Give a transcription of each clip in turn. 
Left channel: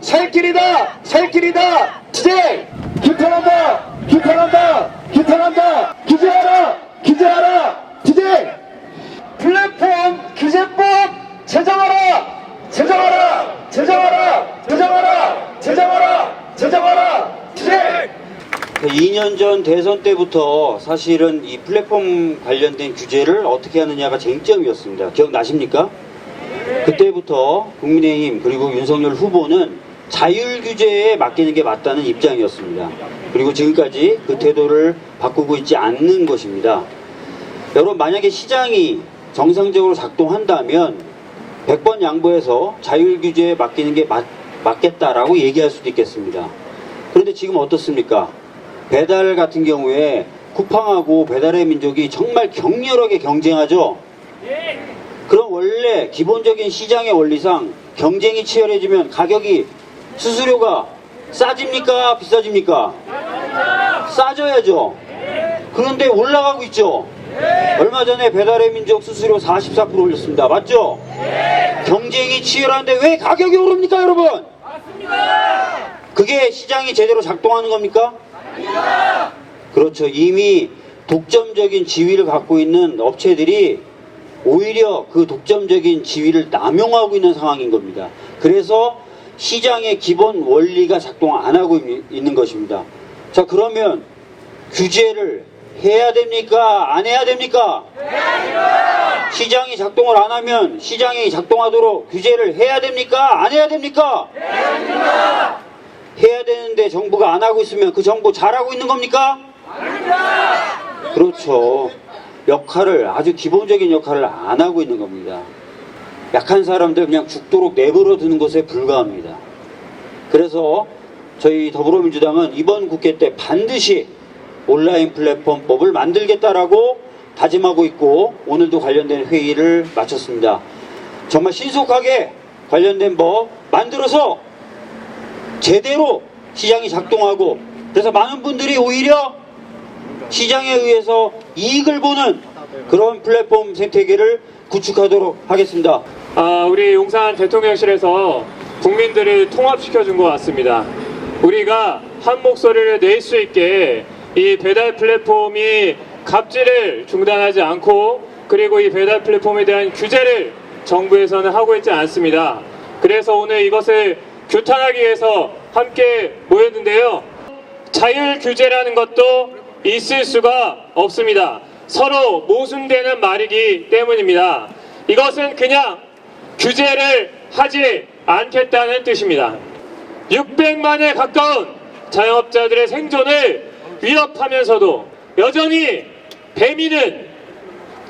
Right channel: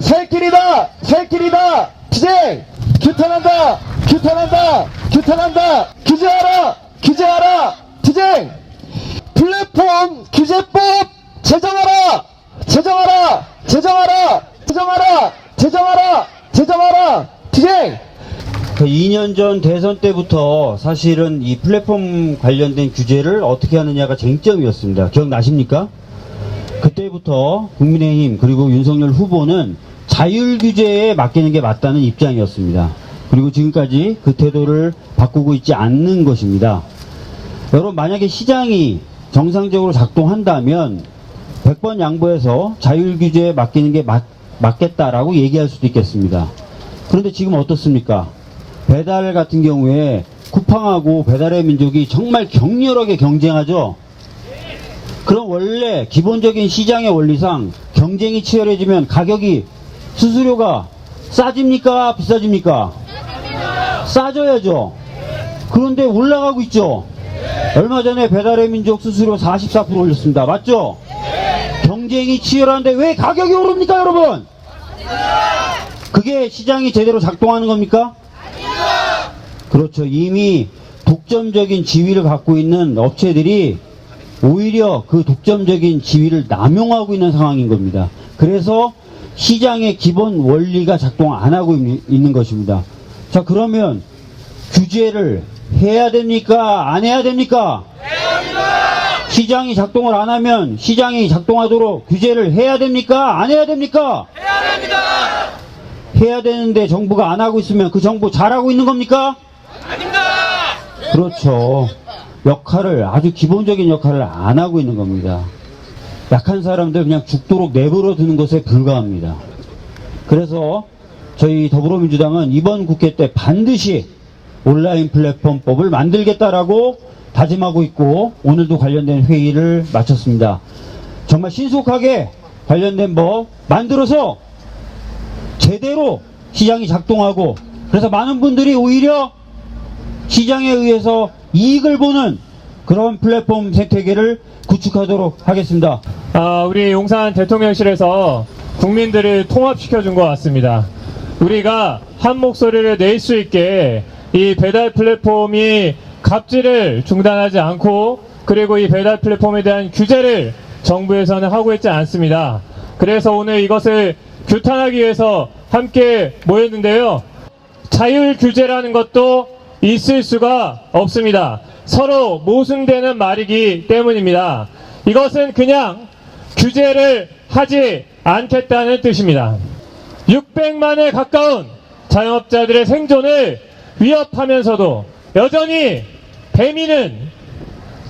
살길이다 살길이다 투쟁 규탄한다 규탄한다 규탄한다 규제하라 규제하라 투쟁 플랫폼 규제법 제정하라 제정하라 제정하라 제정하라 제정하라 제정하라 투쟁 2년 전 대선 때부터 사실은 이 플랫폼 관련된 규제를 어떻게 하느냐가 쟁점이었습니다. 기억나십니까? 그때부터 국민의힘 그리고 윤석열 후보는 자율 규제에 맡기는 게 맞다는 입장이었습니다. 그리고 지금까지 그 태도를 바꾸고 있지 않는 것입니다. 여러분, 만약에 시장이 정상적으로 작동한다면 100번 양보해서 자율 규제에 맡기는 게 맞겠다라고 얘기할 수도 있겠습니다. 그런데 지금 어떻습니까? 배달 같은 경우에 쿠팡하고 배달의 민족이 정말 격렬하게 경쟁하죠. 그럼 원래 기본적인 시장의 원리상 경쟁이 치열해지면 가격이 수수료가 싸집니까? 비싸집니까? 싸져야죠. 그런데 올라가고 있죠. 얼마 전에 배달의 민족 수수료 44% 올렸습니다. 맞죠? 경쟁이 치열한데 왜 가격이 오릅니까, 여러분? 그게 시장이 제대로 작동하는 겁니까? 그렇죠. 이미 독점적인 지위를 갖고 있는 업체들이 오히려 그 독점적인 지위를 남용하고 있는 상황인 겁니다. 그래서 시장의 기본 원리가 작동 안 하고 있는 것입니다. 자, 그러면 규제를 해야 됩니까? 안 해야 됩니까? 해야 됩니다. 시장이 작동을 안 하면 시장이 작동하도록 규제를 해야 됩니까? 안 해야 됩니까? 해야 됩니다. 해야 되는데 정부가 안 하고 있으면 그 정부 잘하고 있는 겁니까? 아닙니다. 그렇죠. 역할을, 아주 기본적인 역할을 안 하고 있는 겁니다. 약한 사람들 그냥 죽도록 내버려 두는 것에 불과합니다. 그래서 저희 더불어민주당은 이번 국회 때 반드시 온라인 플랫폼법을 만들겠다라고 다짐하고 있고, 오늘도 관련된 회의를 마쳤습니다. 정말 신속하게 관련된 법 만들어서 제대로 시장이 작동하고, 그래서 많은 분들이 오히려 시장에 의해서 이익을 보는 그런 플랫폼 생태계를 구축하도록 하겠습니다. 우리 용산 대통령실에서 국민들을 통합시켜준 것 같습니다. 우리가 한 목소리를 낼 수 있게 이 배달 플랫폼이 갑질을 중단하지 않고, 그리고 이 배달 플랫폼에 대한 규제를 정부에서는 하고 있지 않습니다. 그래서 오늘 이것을 규탄하기 위해서 함께 모였는데요. 자율 규제라는 것도 있을 수가 없습니다. 서로 모순되는 말이기 때문입니다. 이것은 그냥 규제를 하지 않겠다는 뜻입니다. 600만에 가까운 자영업자들의 생존을 위협하면서도 여전히 배민은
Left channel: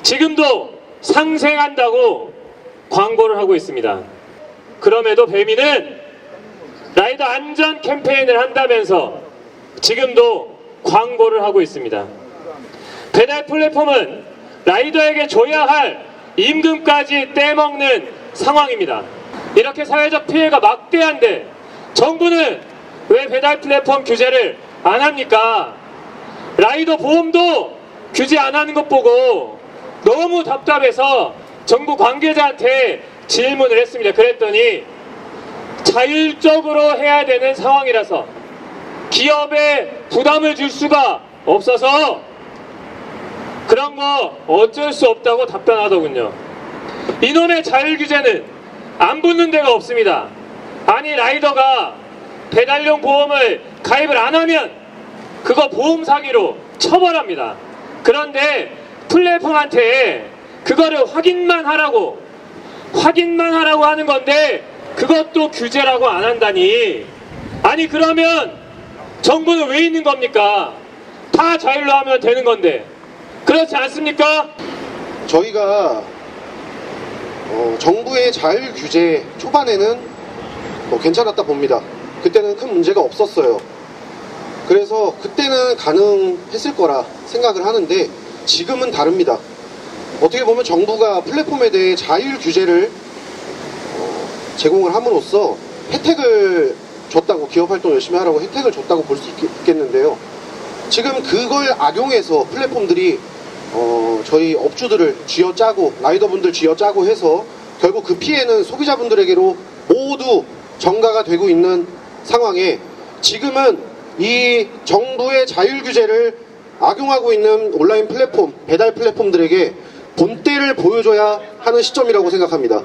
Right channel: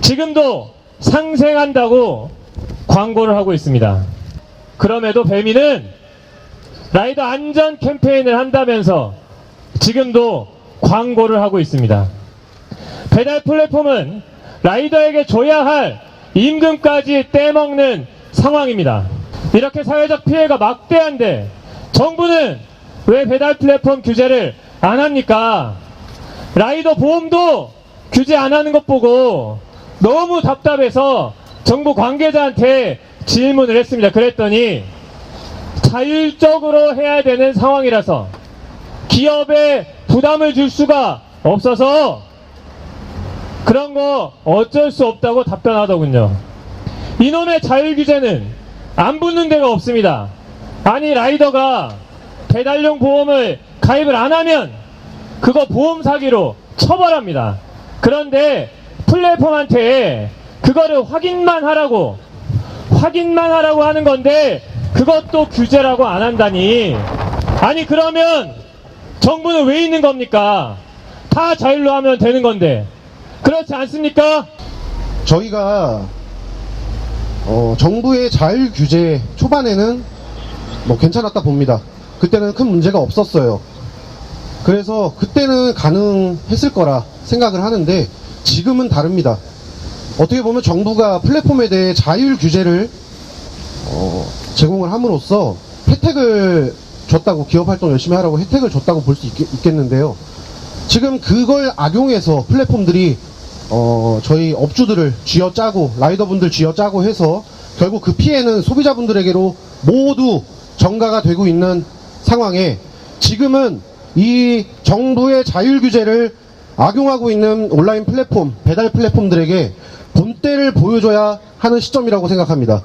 지금도 상생한다고 광고를 하고 있습니다. 그럼에도 배민은 라이더 안전 캠페인을 한다면서 지금도 광고를 하고 있습니다. 배달 플랫폼은 라이더에게 줘야 할 임금까지 떼먹는 상황입니다. 이렇게 사회적 피해가 막대한데 정부는 왜 배달 플랫폼 규제를 안 합니까? 라이더 보험도 규제 안 하는 것 보고 너무 답답해서 정부 관계자한테 질문을 했습니다. 그랬더니 자율적으로 해야 되는 상황이라서 기업에 부담을 줄 수가 없어서 그런 거 어쩔 수 없다고 답변하더군요. 이놈의 자율규제는 안 붙는 데가 없습니다. 아니, 라이더가 배달용 보험을 가입을 안 하면 그거 보험 사기로 처벌합니다. 그런데 플랫폼한테 그거를 확인만 하라고 하는 건데 그것도 규제라고 안 한다니. 아니, 그러면 정부는 왜 있는 겁니까? 다 자율로 하면 되는 건데. 그렇지 않습니까? 저희가 정부의 자율 규제 초반에는 괜찮았다 봅니다. 그때는 큰 문제가 없었어요. 그래서 그때는 가능했을 거라 생각을 하는데 지금은 다릅니다. 어떻게 보면 정부가 플랫폼에 대해 자율 규제를 제공을 함으로써 혜택을 줬다고, 기업 활동 열심히 하라고 혜택을 줬다고 볼 수 있겠는데요. 지금 그걸 악용해서 플랫폼들이 저희 업주들을 쥐어짜고 라이더분들 쥐어짜고 해서 결국 그 피해는 소비자분들에게로 모두 전가가 되고 있는 상황에 지금은 이 정부의 자율 규제를 악용하고 있는 온라인 플랫폼, 배달 플랫폼들에게 본때를 보여줘야 하는 시점이라고 생각합니다.